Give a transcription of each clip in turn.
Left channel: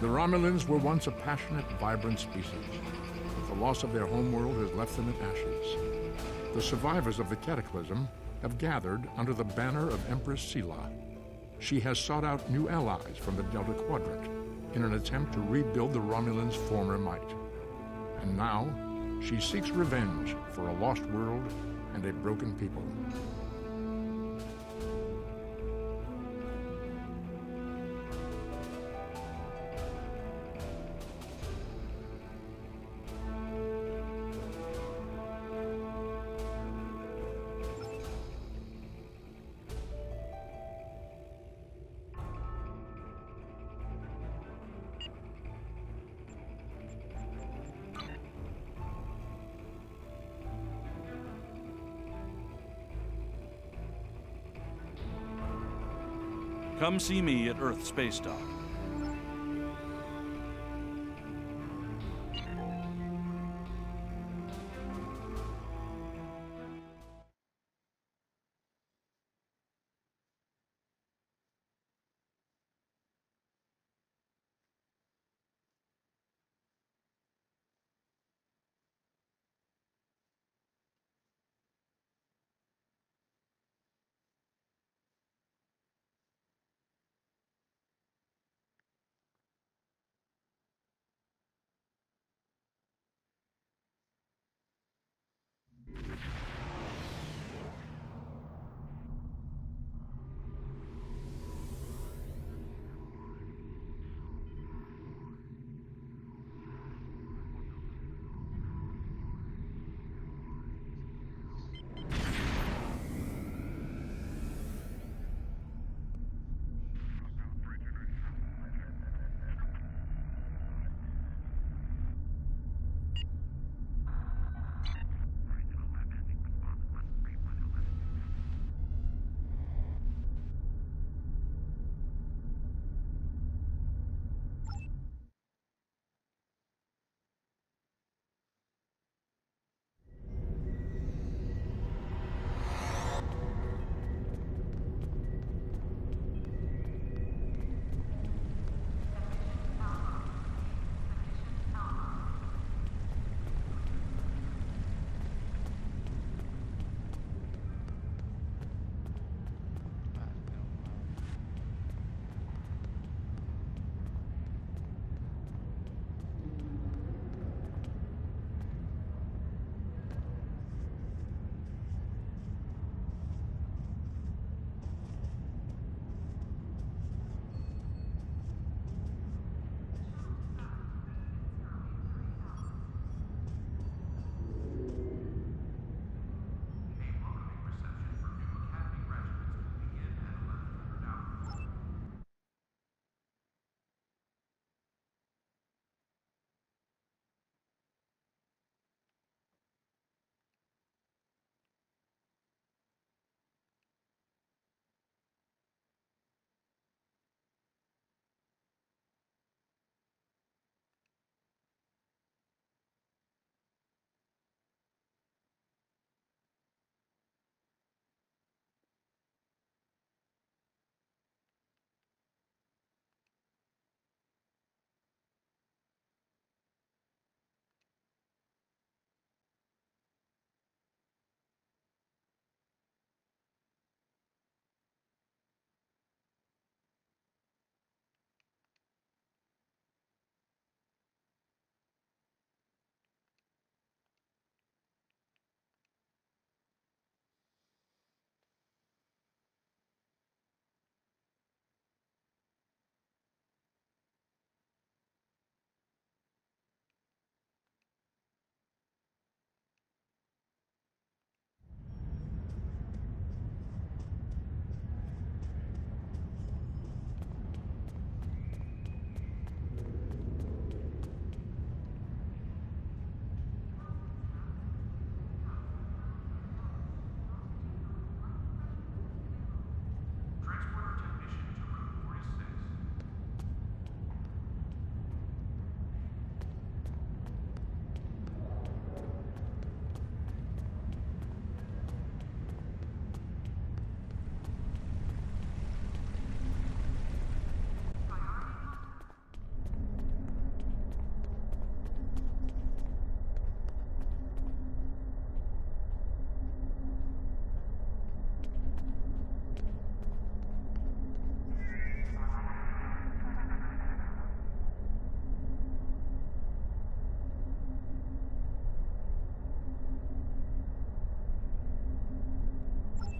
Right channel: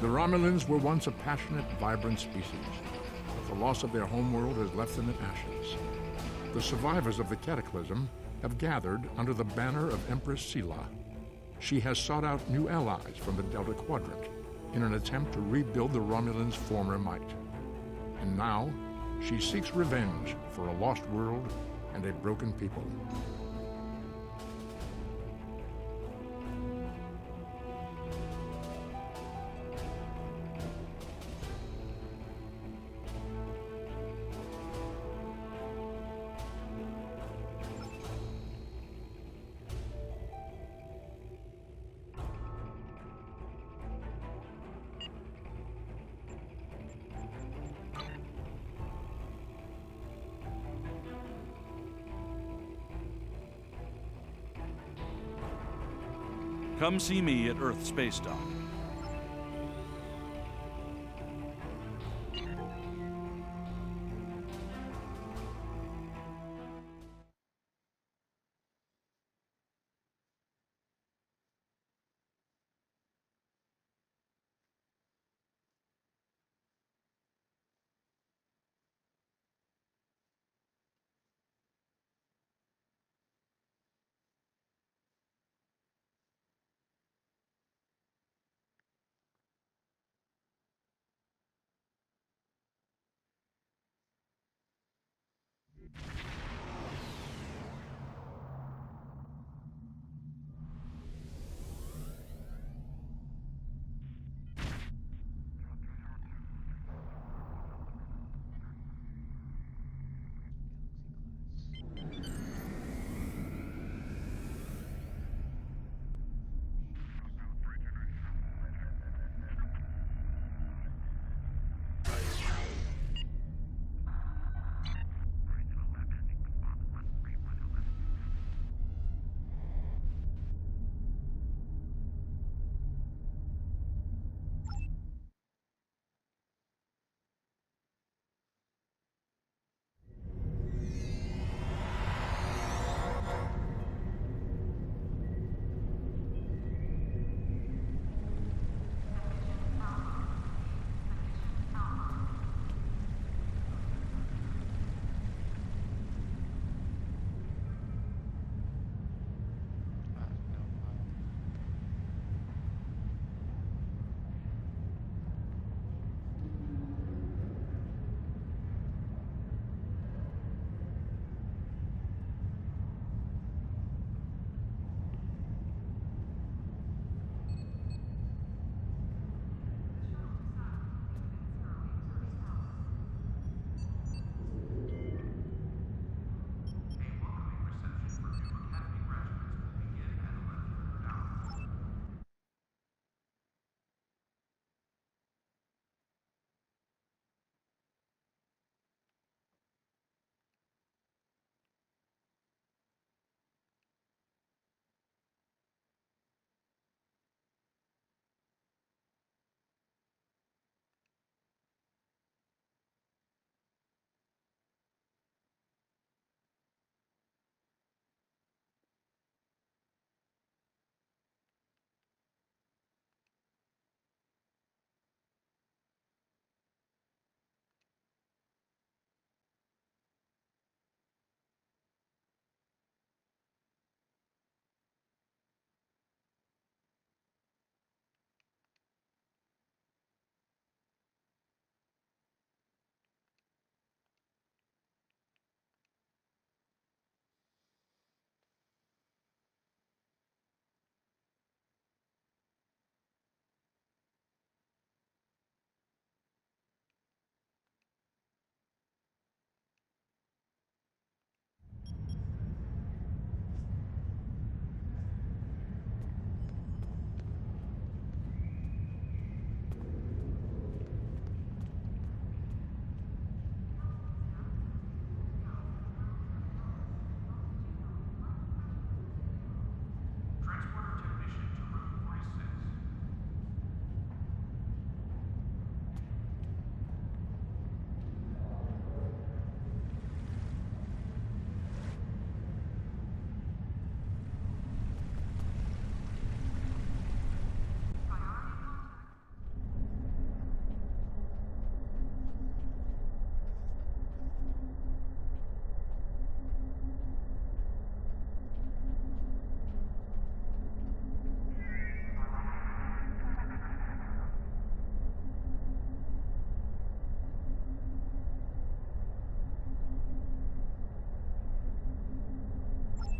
The Romulans were once a passionate, vibrant species, but the loss of their homeworld has left them in ashes. The survivors of the Cataclysm have gathered under the banner of Empress Sela. She has sought out new allies from the Delta Quadrant in an attempt to rebuild the Romulans' former might. And now, she seeks revenge for a lost world and a broken people. Come see me at Earth Space Dock.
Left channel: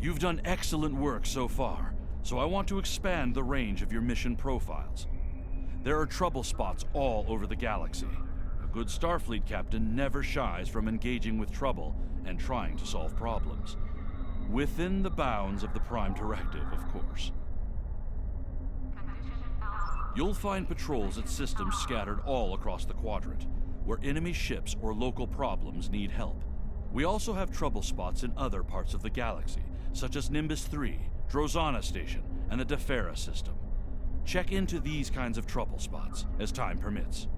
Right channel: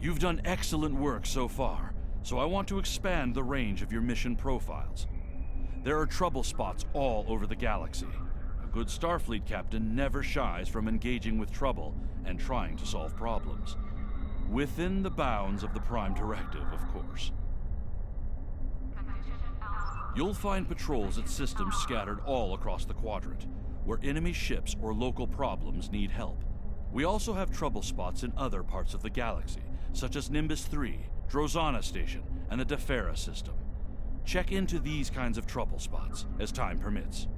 You've done excellent work so far, so I want to expand the range of your mission profiles. There are trouble spots all over the galaxy. A good Starfleet captain never shies from engaging with trouble and trying to solve problems. Within the bounds of the Prime Directive, of course. You'll find patrols at systems scattered all across the quadrant, where enemy ships or local problems need help. We also have trouble spots in other parts of the galaxy, such as Nimbus 3, Drozana Station, and the Defera system. Check into these kinds of trouble spots, as time permits.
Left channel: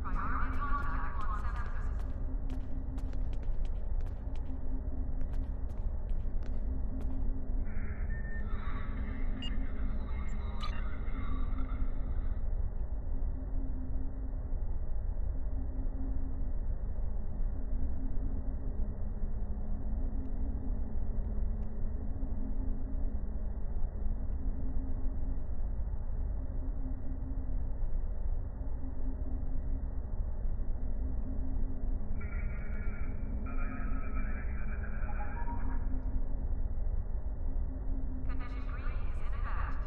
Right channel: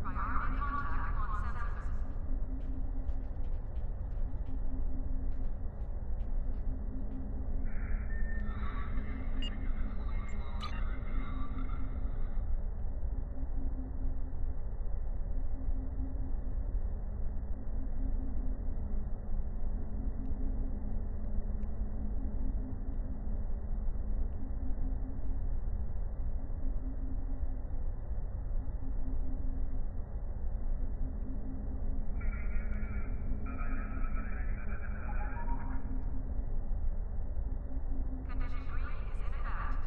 Priority contact on sensors. Condition green is in effect.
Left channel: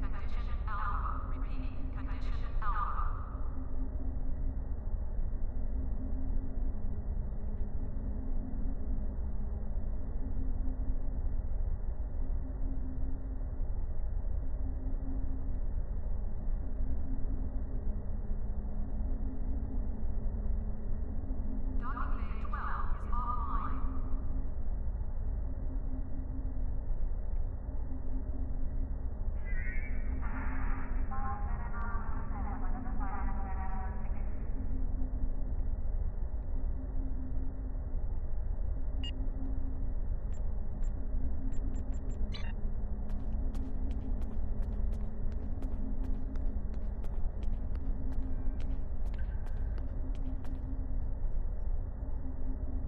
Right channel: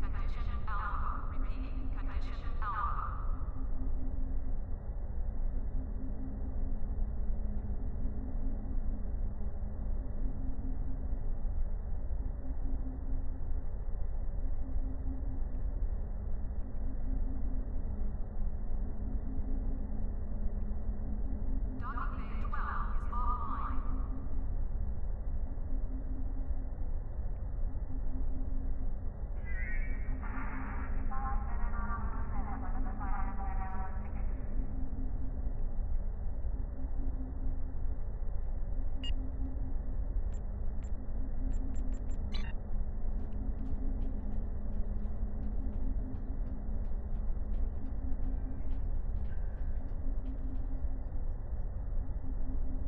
Condition alpha. Repeat. Condition alpha. Docking bay 12 is offline.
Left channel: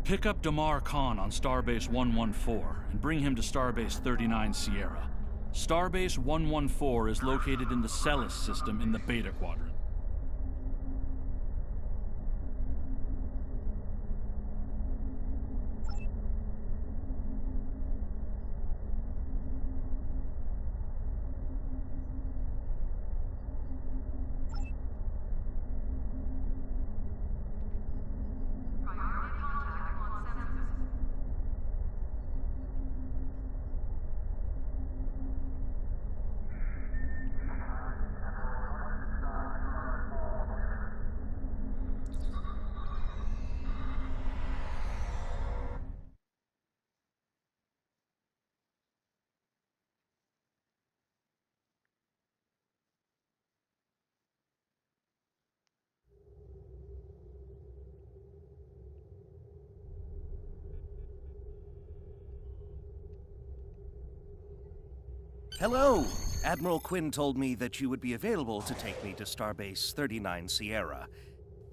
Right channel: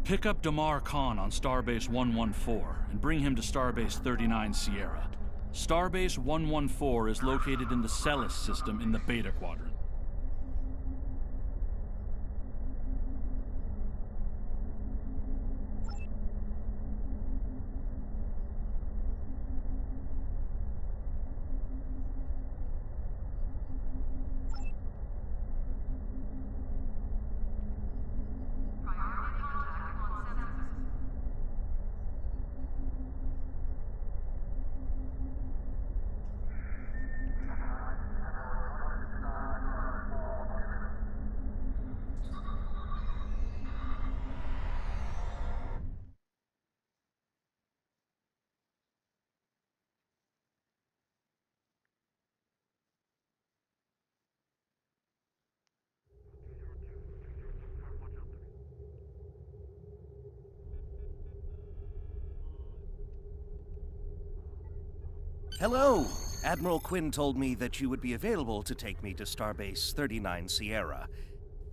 Pick up Damar Khan on Starbase 114 and bring him to Starbase 39 Sierra. Starbase 114 is located in the Celis system in the Beta Quadrant. Priority contact on sensors. Hello! Admiral Quinn told me that you would be available to take me to Starbase 39 Sierra.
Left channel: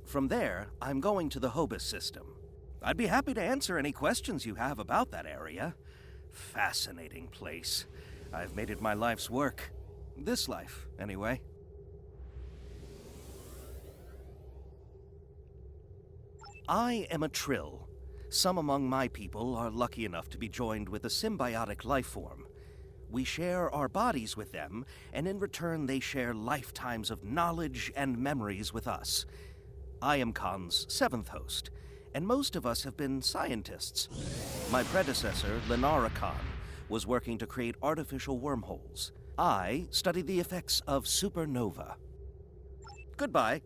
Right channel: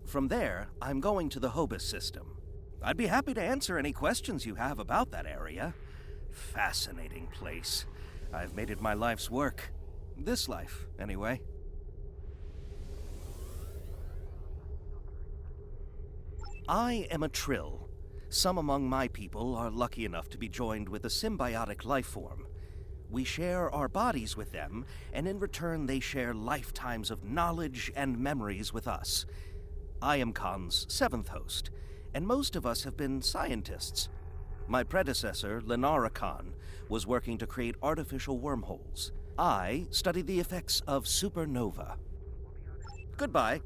From there, I'm going to the Hobus system. I'd be happy to answer any questions you have about that area. Fascinating place. I've made it my life's work. This life, anyway. I am a Trill. Some among my people are lucky enough to be joined with a symbiotic life form. We share our bodies with them, and in return they share lifetimes of knowledge and memories with us. I am Khan's seventh host, and most of us have been scientists. My predecessor, Lenara Khan, was working to create artificial wormholes. I studied the effects of supernova. Goodbye.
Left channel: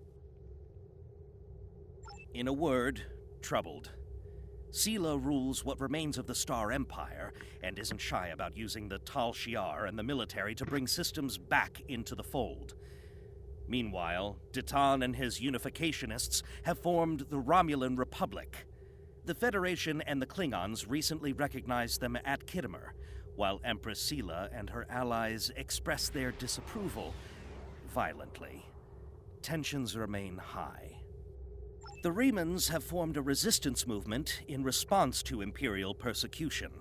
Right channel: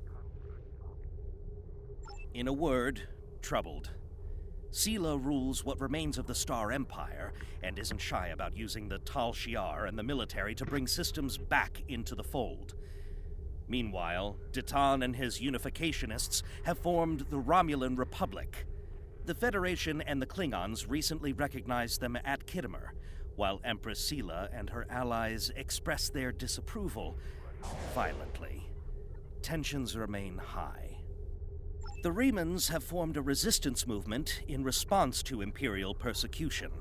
In a word, troubled. Sela rules what remains of the Star Empire and isn't shy about using the Tal Shiar and the military to bring systems back into the fold. Meanwhile, Ditan and his unificationists have formed the Romulan Republic. The Federation and the Klingons recently recognized them at Khitomer, while Empress Sela and her allies express their disapproval violently. Tensions remain high. The Remans have formed a resistance movement in response to Imperial persecution.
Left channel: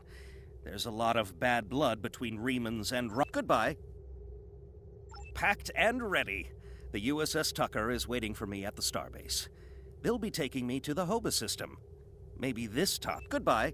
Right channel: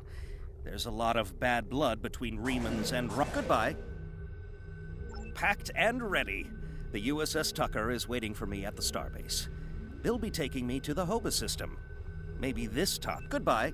There's a lot of bad blood between Remans and Goodbye. Packed and ready. The USS Tucker is waiting for me at the starbase. They'll be taking me to the Hoba system. Maybe this top. Goodbye.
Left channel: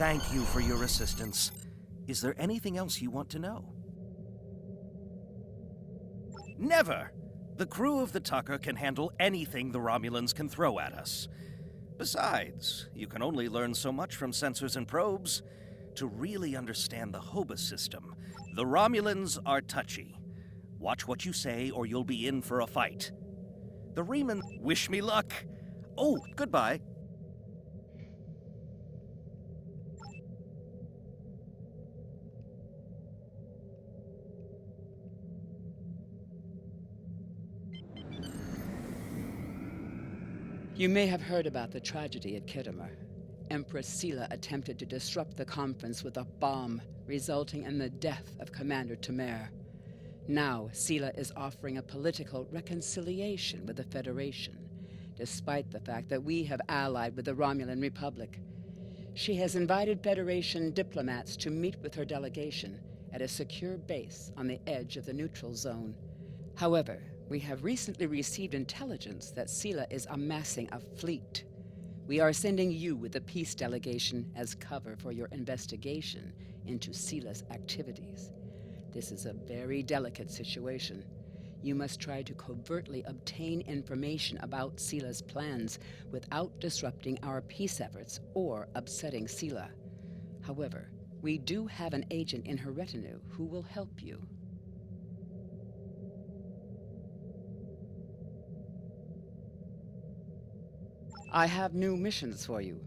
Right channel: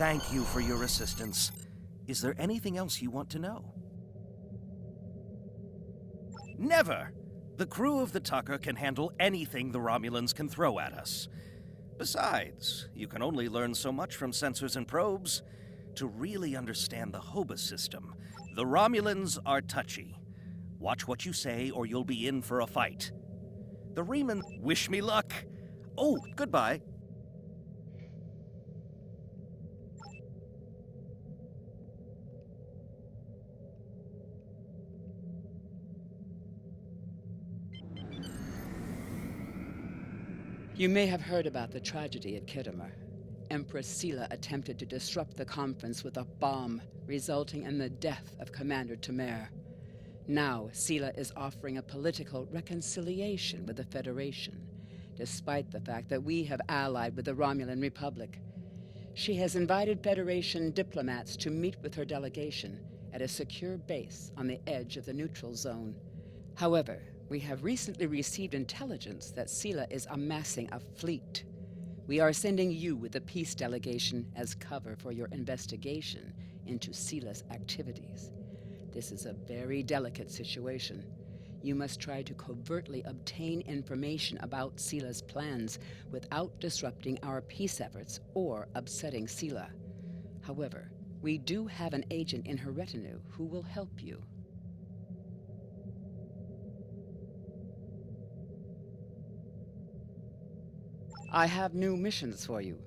Thank you for your assistance. Is there anything else you want to know? Never! The crew of the Tucker can handle anything the Romulans can throw at us. Besides, you can only learn so much from sensors and probes. To really understand the Hobus system, the Romulans are touchy. Watch what you say or you'll be in for a fight. The Reman wish me luck. Oh, goodbye. You may have heard about the tragedy at Khitomer. Empress Sela attempted to disrupt the conference with a bomb, resulting in the death of Commander Temer. Now, Sela is offering a political reconciliation with the Federation, despite the fact that we have allied with the Romulan Republic. She has invited Federation diplomats to meet with her delegation at a secure base on the edge of the neutral zone. However, we have recently received intelligence that Sela is amassing a fleet. We are sending you with the peace delegation as cover for your investigation into Sela's activities. This is a very delicate situation. You must try to covertly obtain information about Sela's plans without disrupting our peace efforts or upsetting Sela. However, we do have an agent in her retinue who will help you. I have new missions for you.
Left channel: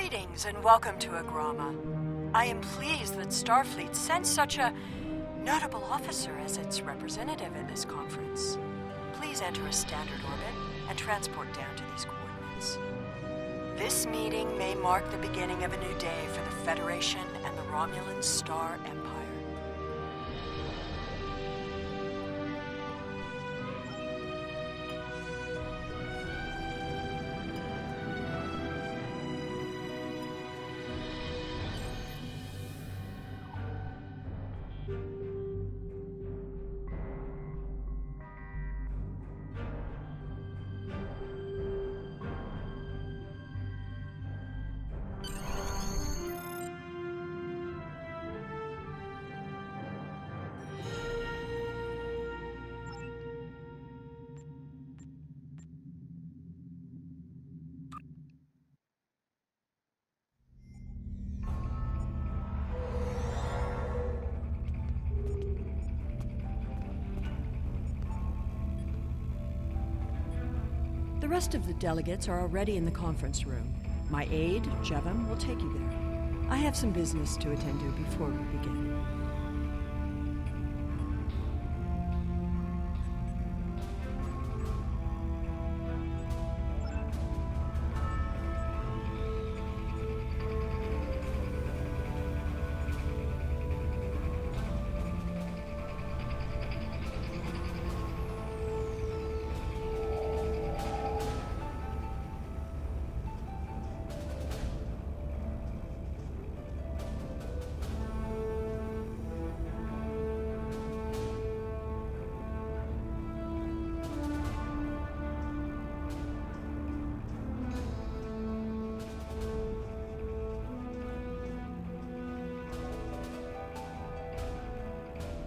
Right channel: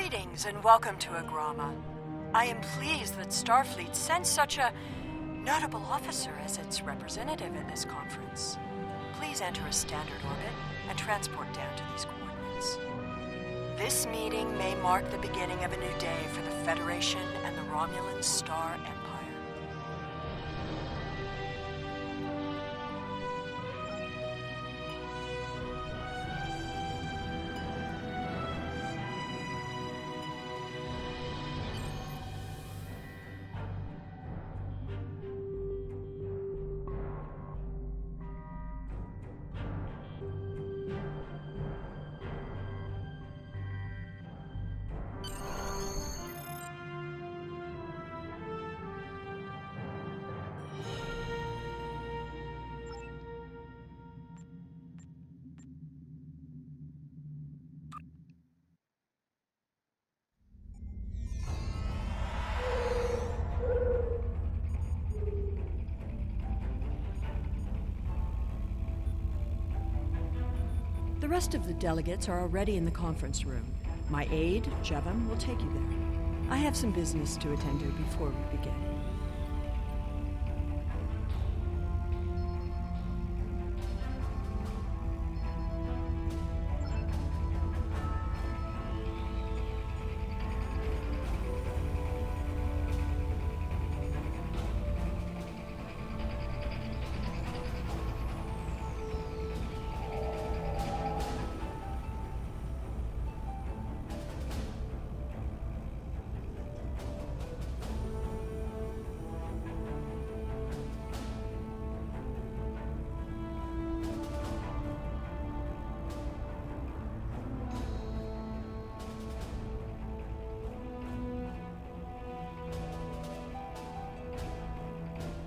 Greetings and welcome to Agrama. I am pleased that Starfleet sent such a notable officer as its representative at this conference. Please enter a standard orbit and transport down to these coordinates. This meeting may mark the beginning of a new day for the Federation and the Romulan Star Empire. The rest of the delegates are already in the conference room. My aide, Jevem, will take you there. I have some business to attend to before we begin.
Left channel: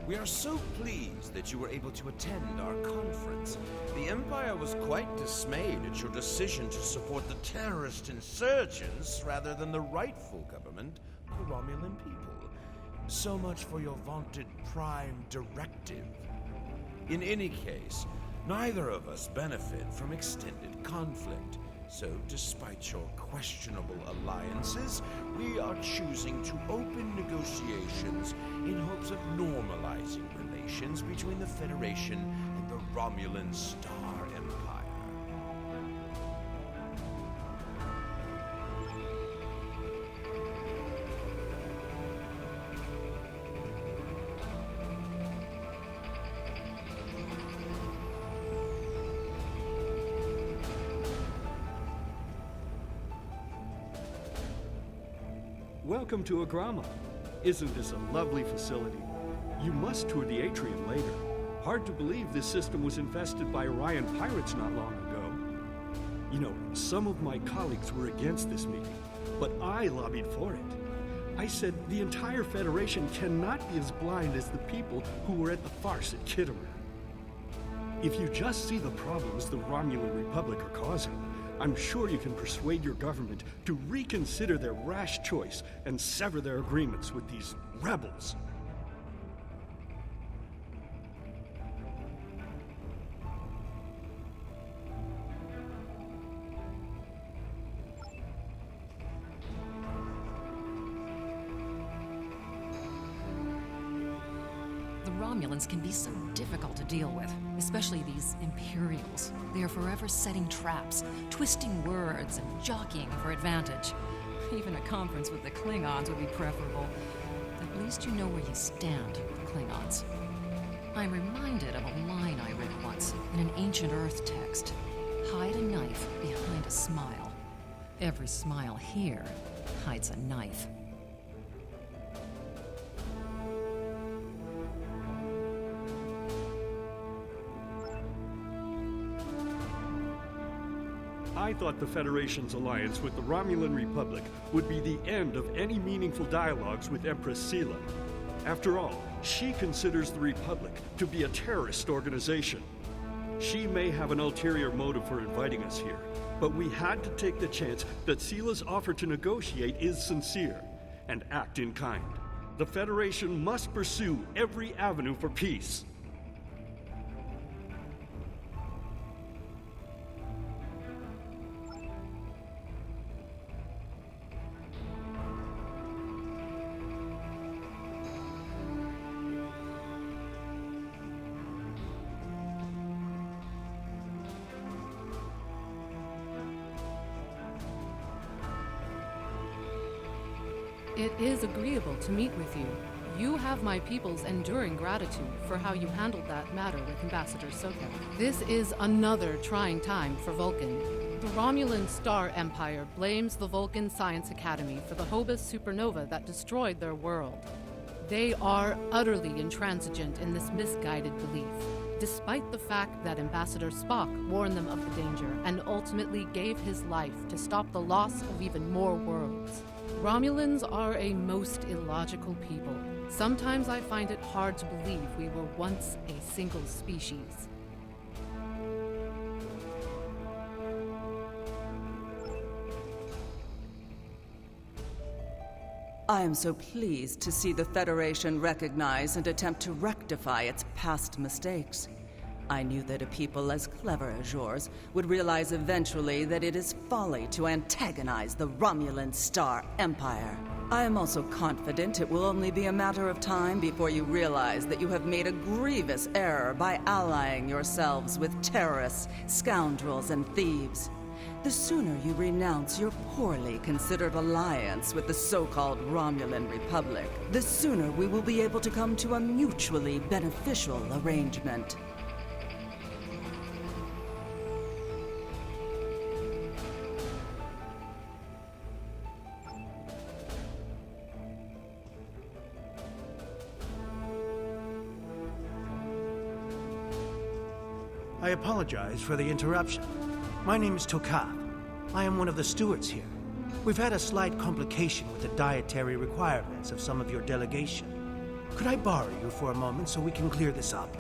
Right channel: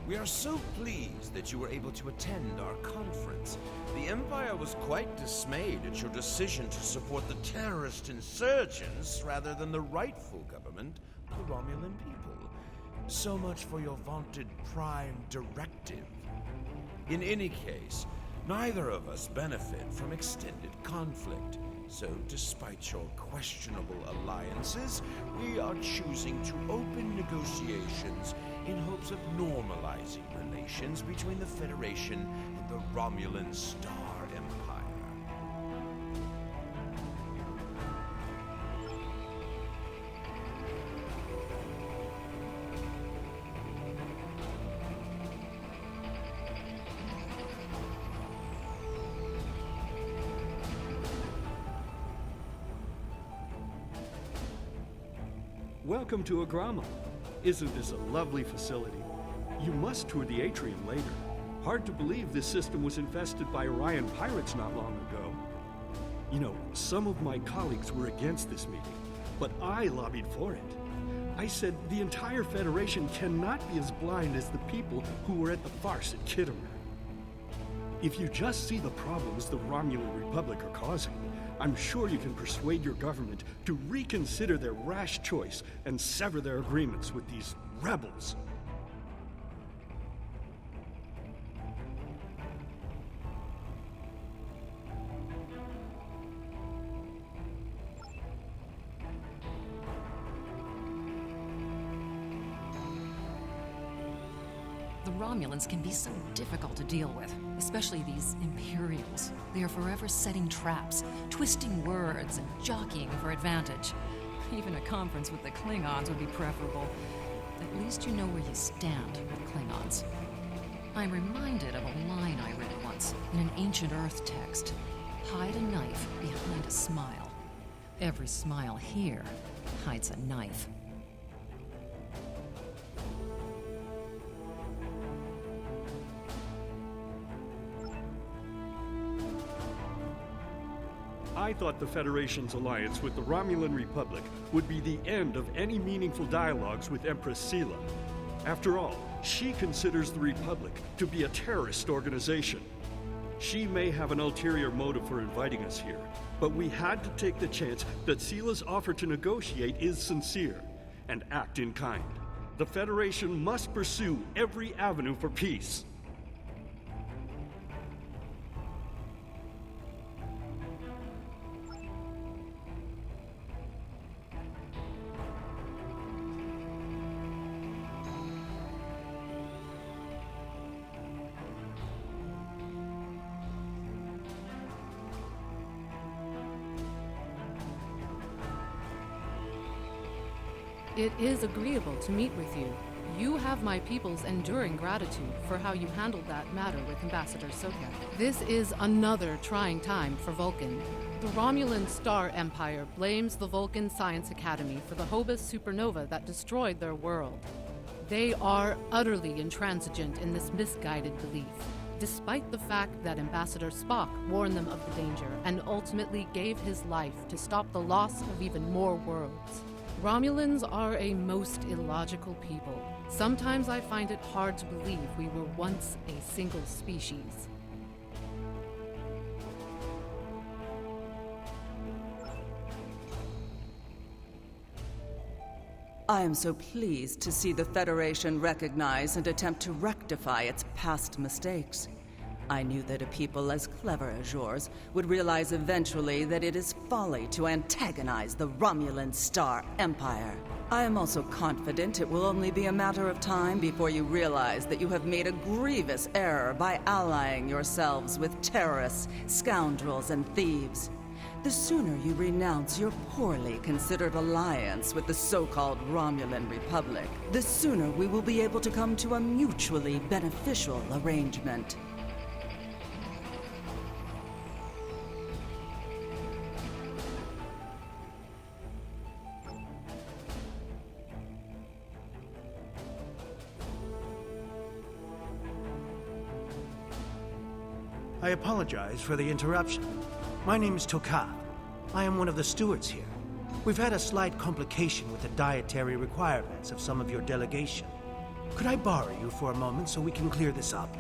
We are so pleased that you were able to attend our conference. The Empire was quite dismayed at your decision to support the terrorist insurgents rather than the rightful government of the Romulan people. So much for your vaunted Prime Directive. In any case, neither of us benefit from extended conflict. So, despite your questionable alliances, we are choosing to open negotiations in hopes of normalizing relations between the Federation and the Romulan Star Empire. Welcome to Agrama. Isn't this a lovely facility? You must tour the atrium later. Hard to believe this system was infested by Orion pirates not long ago. You know, some of my colleagues were against this meeting, but I lobbied for it. I said the entire Federation cannot be as blind as the people who were at the farce at Khitomer. If you just see the problems the Romulan Republic are causing, I'm sure you can persuade your government to reconsider their rash choice and sever their agreements with these rebels. The Romulans can be so difficult to deal with, especially these Imperials. They are forever setting traps, twisting words, and jockeying for advantage. Even a conference with the Klingons would be preferable. At least you know where you stand with Klingons. I'm reminded of a line I read once in an ancient Earth text. Hide a knife behind a smile. Every smile here hides a knife. I thought the Federation's alliance with the Romulan Republic would be the end of any meaningful dialogues with Empress Sela. After all, she considers the Republic to be a terrorist organization. She may have an ulterior motive for inviting us here, but we had to take the chance that Sela's offer to negotiate is sincere, and act in kind. The Federation must pursue every avenue for peace. It is agreeable to meet with you. You have my people's enduring gratitude for how you handled that matter with Ambassador Sokak. This is another trying time for Vulcan. The Romulan Star Empire blames the Vulcan Science Academy for the Hobus supernova that destroyed their world. They are utterly intransigent in this misguided belief, despite the fact that Ambassador Spock warned them of the danger and ultimately gave his life to stop the loss of even more worlds. Romulans are a most illogical people. Sometimes I find it hard to believe we were once a single species. I am so pleased to see the Federation recognize and attempt to rectify its past mistakes. I knew that a people as clever as yours would realize eventually that it is folly to antagonize the Romulan Star Empire. I am also confident it will only be a matter of time before you realize that you have made a grievous error by allying yourselves with terrorists, scoundrels, and thieves. The sooner you renounce your poorly considered alliance with the so-called Romulan Republic, the sooner we will be able to come to a mutually beneficial arrangement. I apologize for the interruption. My name is Tokav. I am one of the stewards here. We've had a slight complication with the dietary requirements of some of your delegation. Could I borrow you for a moment so we can clear this up?